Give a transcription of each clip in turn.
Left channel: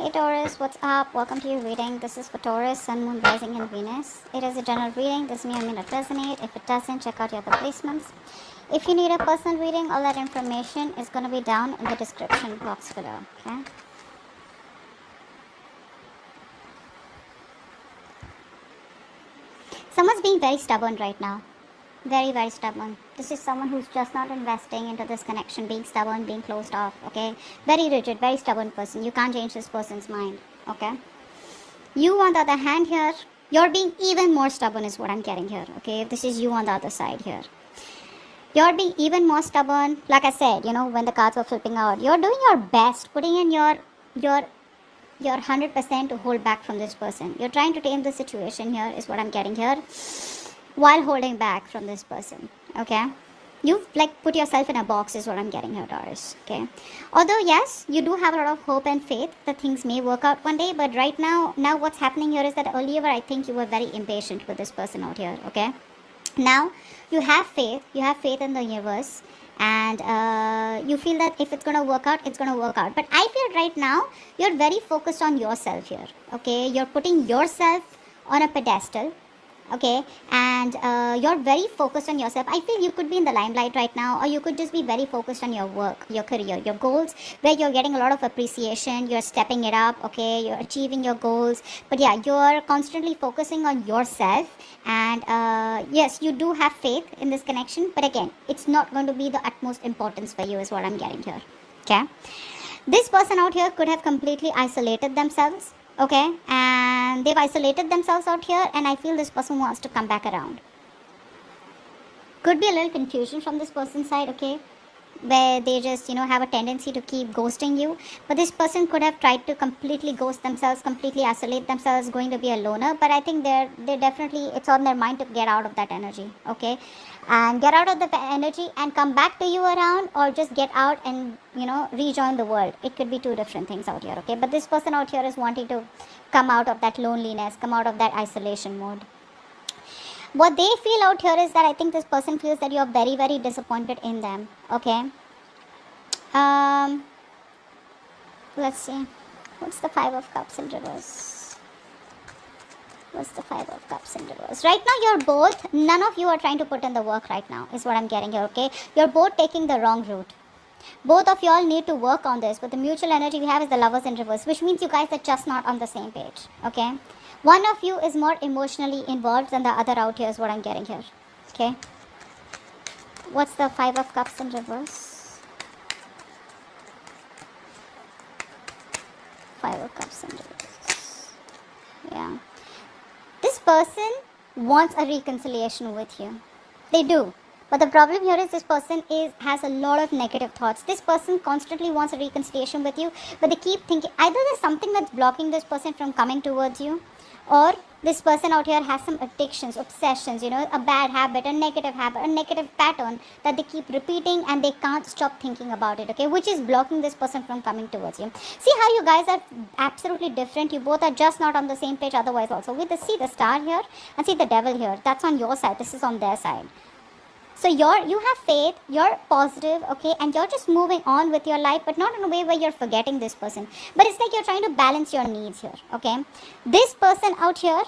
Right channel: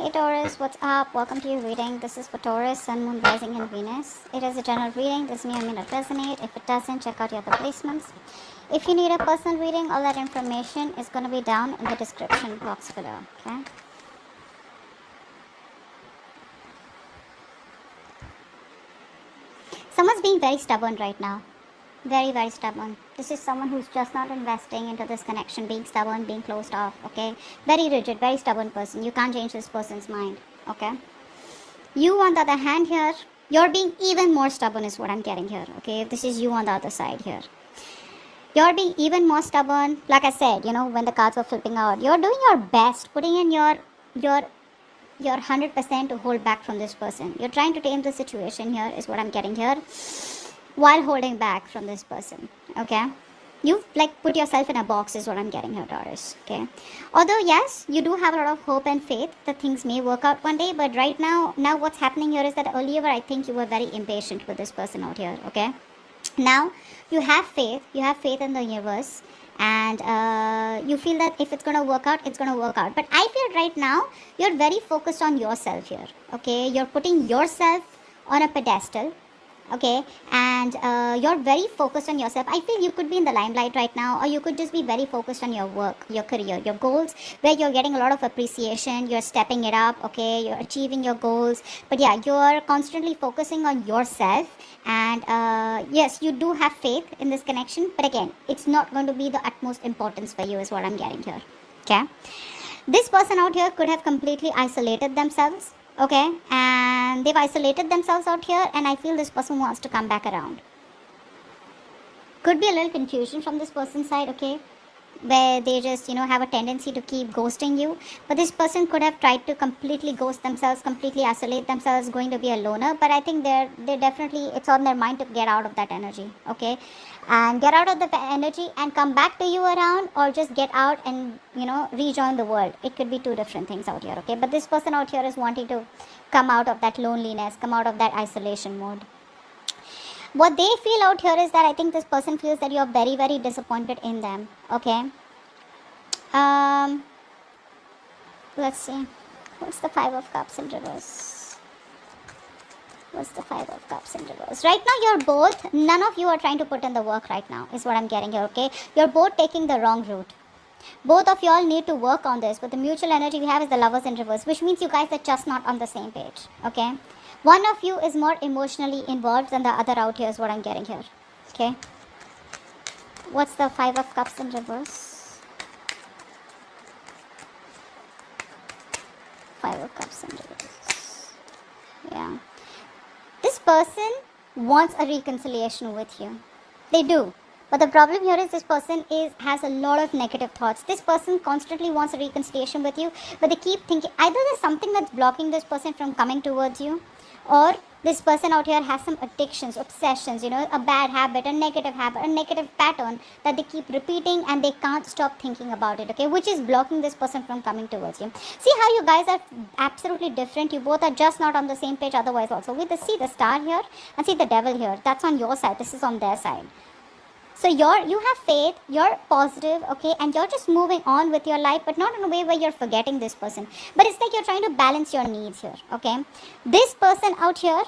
Hey Taurus, what's up? Welcome to your reading. This is for Taurus, Sun, Moon, Rising, and Venus. It is a general reading. This may or may not resonate. If it doesn't, check out your other placements. If you need a personal reading, all that information is going to be down in the description box below. Okay? Someone's being very stubborn right now. Very, very stubborn. This is someone who's just not investing into this connection, being stubborn, being closed off, okay? Very rigid, very stubborn person. You can't change this person's mind, okay? You, on the other hand here, you're being even more stubborn is what I'm getting here, okay? If this is you on the other side here. You're being even more stubborn. Like I said, when the cards were flipping out, you're doing your best, putting in your 100% to hold back from this person. You're trying to tame the situation here is what I'm getting here, while holding back from this person, okay? You've put yourself in a box is what I'm getting here, Taurus, okay? Although, yes, you do have a lot of hope and faith that things may work out one day, but right now what's happening here is that earlier I think you were very impatient with this person out here, okay? Now, you have faith in the universe, and you feel that if it's going to work out, it's going to work out. But I feel right now, you're very focused on yourself here, okay? You're putting yourself on a pedestal, okay, and you're very focused on yourself. I feel you could be in the limelight right now, or you could just be very focused on your work, your career, your goals, where you're getting a lot of appreciation, you're stepping it up, okay, you're achieving your goals. But yeah, you're constantly focusing on yourself, and yes, you do have faith in this connection, but again, it's not going to be the utmost importance for you is what I'm getting here, okay? This person out here could have completely isolated themselves, okay, and they've isolated themselves out here, and I feel this person wants to come back around. Could be a little confusion from this person's side, okay, where they just have a tendency to keep ghosting you, but this person could have tried to completely ghost themselves, completely isolate themselves, going to be a loner. But I think they're definitely, it's on their mind to get out of that energy, okay, and get out of the energy and come back to you around, or just get out and rejoin the world. It could be two different things out here, okay? But this person out here is wanting to come out of that loneliness, come out of that isolation mode. What they feel out here is that I think this person feels that you're very, very disappointed in them, okay? Let's see. What's the Five of Cups in reverse? What's the Five of Cups in reverse? Right now, you're both, none of you are trying to put in the work right now, is what I'm getting here, okay? You're both taking the wrong route. Both of y'all need to work on this, but the mutual energy we have is the Lovers in reverse, which means you guys are just not on the same page, okay? One of you is more emotionally involved than the other out here is what I'm getting here, okay? What's the Five of Cups in reverse? Five of Cups in reverse. Yeah. This person wants a reconciliation with you. They do. But the problem here is this person has a lot of negative thoughts. This person constantly wants a reconciliation with you, but they keep thinking either there's something that's blocking this person from coming towards you, or this person out here has some addictions, obsessions, a bad habit, a negative pattern that they keep repeating, and they can't stop thinking about it, okay, which is blocking this person from coming towards you. See how you guys are absolutely different. You both are just not on the same page otherwise also. See the star here and see the devil here. That's on your side. This is on their side. So you have faith, you're positive, okay, and you're just moving on with your life, but not in a way where you're forgetting this person. But it's like you're trying to balance your needs here, okay? This person out here,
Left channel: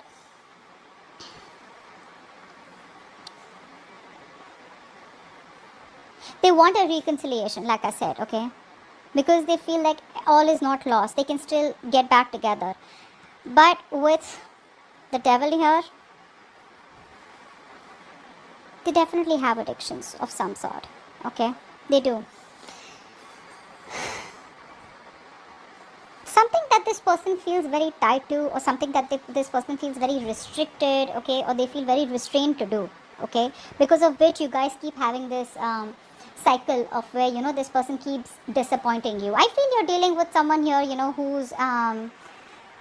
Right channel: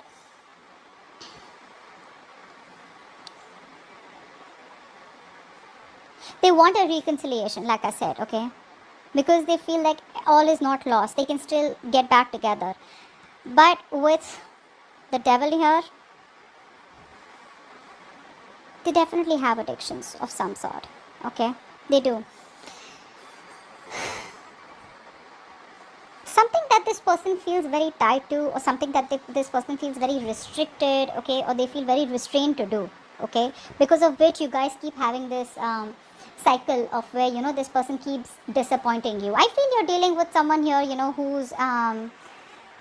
they want a reconciliation, like I said, okay? Because they feel like all is not lost. They can still get back together. But with the devil here, they definitely have addictions of some sort, okay? They do. Something that this person feels very tied to, or something that this person feels very restricted, okay? Or they feel very restrained to do, okay? Because of which you guys keep having this cycle of where, this person keeps disappointing you. I feel you're dealing with someone here, who's, A,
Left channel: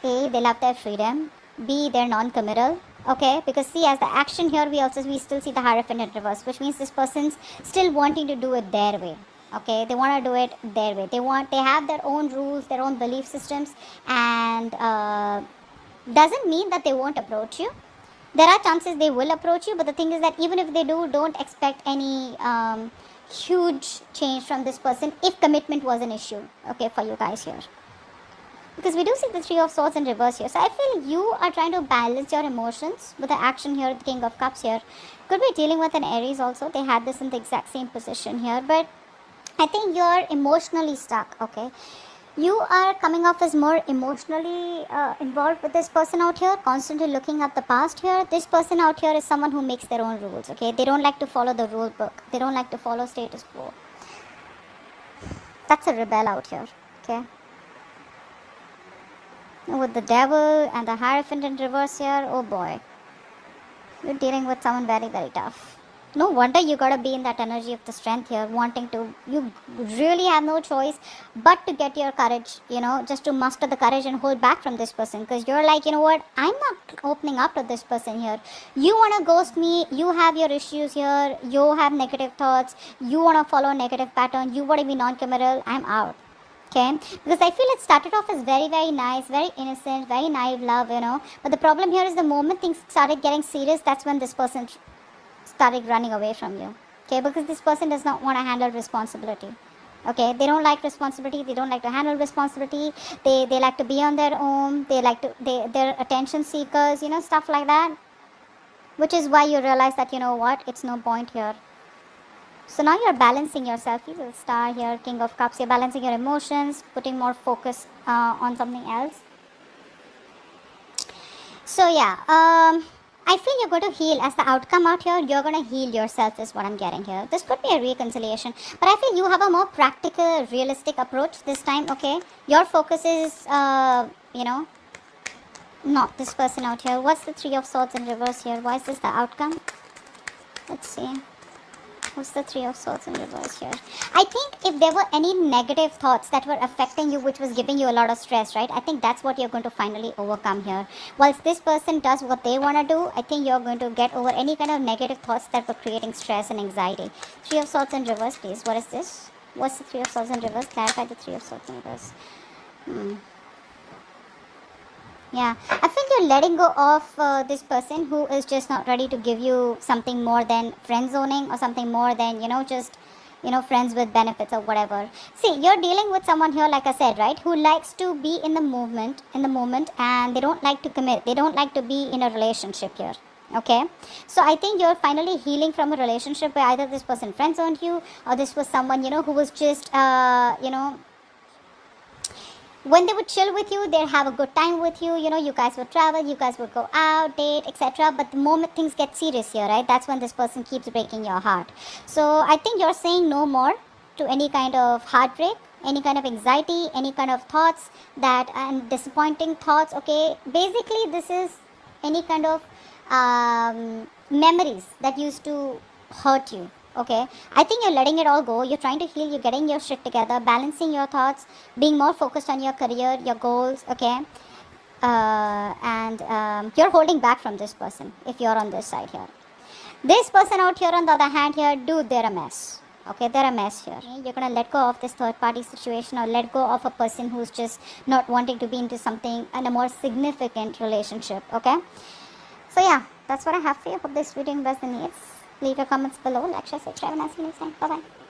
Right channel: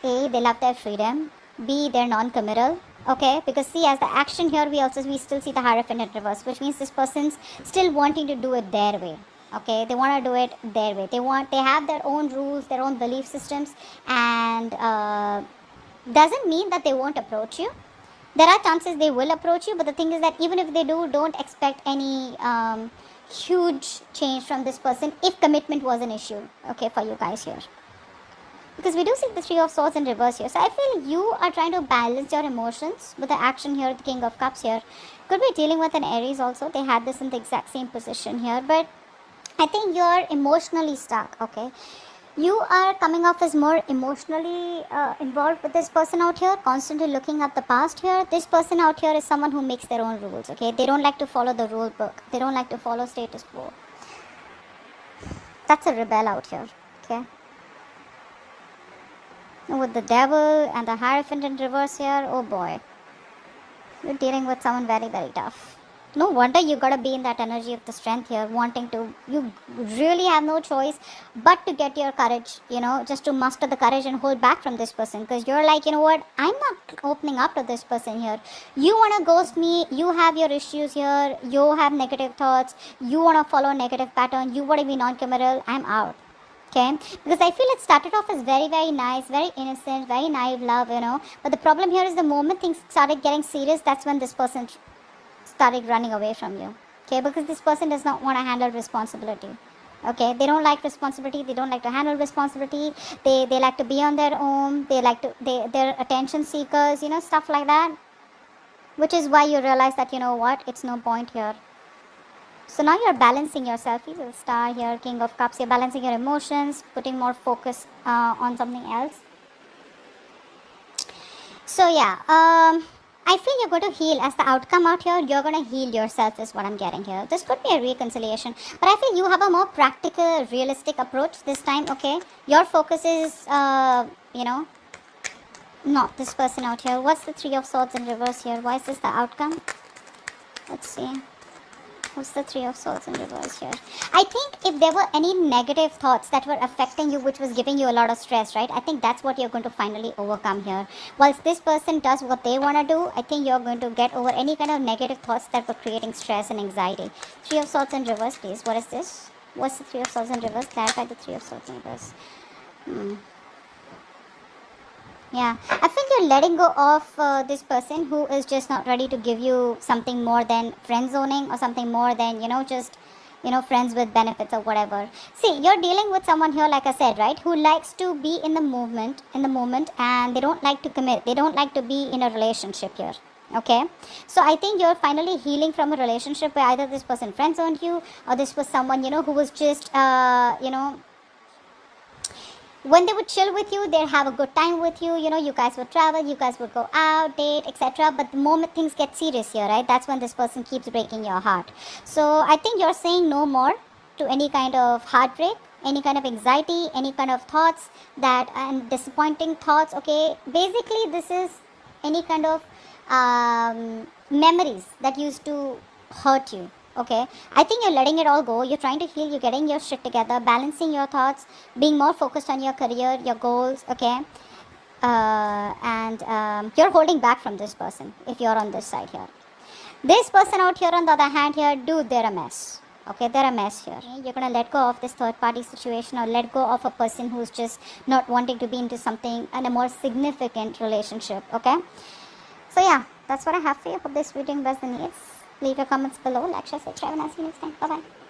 they love their freedom. B, they're non-committal. Okay, because see, as the action here, we still see the Hierophant in reverse, which means this person's still wanting to do it their way. Okay, they want to do it their way. They have their own rules, their own belief systems, and doesn't mean that they won't approach you. There are chances they will approach you, but the thing is that even if they do, don't expect any huge change from this person if commitment was an issue, okay, for you guys here. Because we do see the Three of Swords in reverse here. So I feel you are trying to balance your emotions with the action here, the King of Cups here. Could be dealing with an Aries also. They had this in the exact same position here. But I think you're emotionally stuck, okay? You are coming off as more emotionally involved with this person out here, constantly looking at the past here. This person out here is someone who makes their own rules, okay? They don't like to follow the rule book. They don't like to follow status quo. That's a rebel out here, okay? With the Devil and the Hierophant in reverse here, oh boy. You're dealing with someone very, very tough. No wonder you gotta be in that energy of the strength here, wanting to, you really have no choice but to get your courage, just to muster the courage and hold back from this person. Because you're like, you know what, I'm not opening up to this person here. You wanna ghost me, you have your issues here, you have negative thoughts, you wanna follow a negative pattern, you wanna be non-committal, I'm out. Okay, because I feel it started off as very, very nice, very innocent, very naive love, But the problem here is the moment things started getting serious, that's when this person started running away from you. Okay, because this person does not want to handle responsibility. Okay, they don't like responsibility, they don't like to handle responsibility, they like to be on their own, they're attention seekers, stuff like that. Which is why you realize that, it's no point here. So now you're balancing yourself, little star here, King of Cups, you're balancing your emotions, putting more focus on something else. So yeah, I feel you're going to heal as the outcome out here. You're going to heal yourself is what I'm getting here. This could be a reconciliation, but I feel you have a more practical, realistic approach this time, okay? Your focus is, not this person out here. What's the Three of Swords in reverse here? Why is this the outcome? Let's see. What's the Three of Swords in reverse here? I think if there were any negative thoughts that were affecting you, which was giving you a lot of stress, right? I think that's what you're going to finally overcome here. Once this person does what they want to do, I think you're going to get over any kind of negative thoughts that were creating stress and anxiety. Three of Swords in reverse, please. What is this? What's the Three of Swords in reverse? Clarify the Three of Swords in reverse. Yeah, I think you're letting go of this person who is just not ready to give you something more than friend zoning or something more than, just, friends with benefits or whatever. See, you're dealing with someone here, like I said, right, who likes to be in the moment, and they don't like to commit. They don't like to be in a relationship here. Okay, so I think you're finally healing from a relationship where either this person friend zoned you or this was someone, who was just, when they would chill with you, they'd have a good time with you, you guys would travel, you guys would go out, date, etc. But the moment things get serious here, right, that's when this person keeps breaking your heart. So I think you're saying no more to any kind of heartbreak, any kind of anxiety, any kind of thoughts and disappointing thoughts, okay? Basically, this is any kind of memories that used to hurt you. Okay, I think you're letting it all go. You're trying to heal. You're getting your shit together, balancing your thoughts, being more focused on your career, your goals. Okay, and you're holding back from this person if you're on this side here. This person out here, on the other hand, here, dude, they're a mess. Okay, they're a mess here. You're gonna let go of this third-party situation or let go of a person who's just not wanting to be into something and a more significant relationship. Okay, so yeah, that's what I have for you. Hope this reading resonates. Leave your comments below, like, share, subscribe, and I'll see you next time. Bye-bye.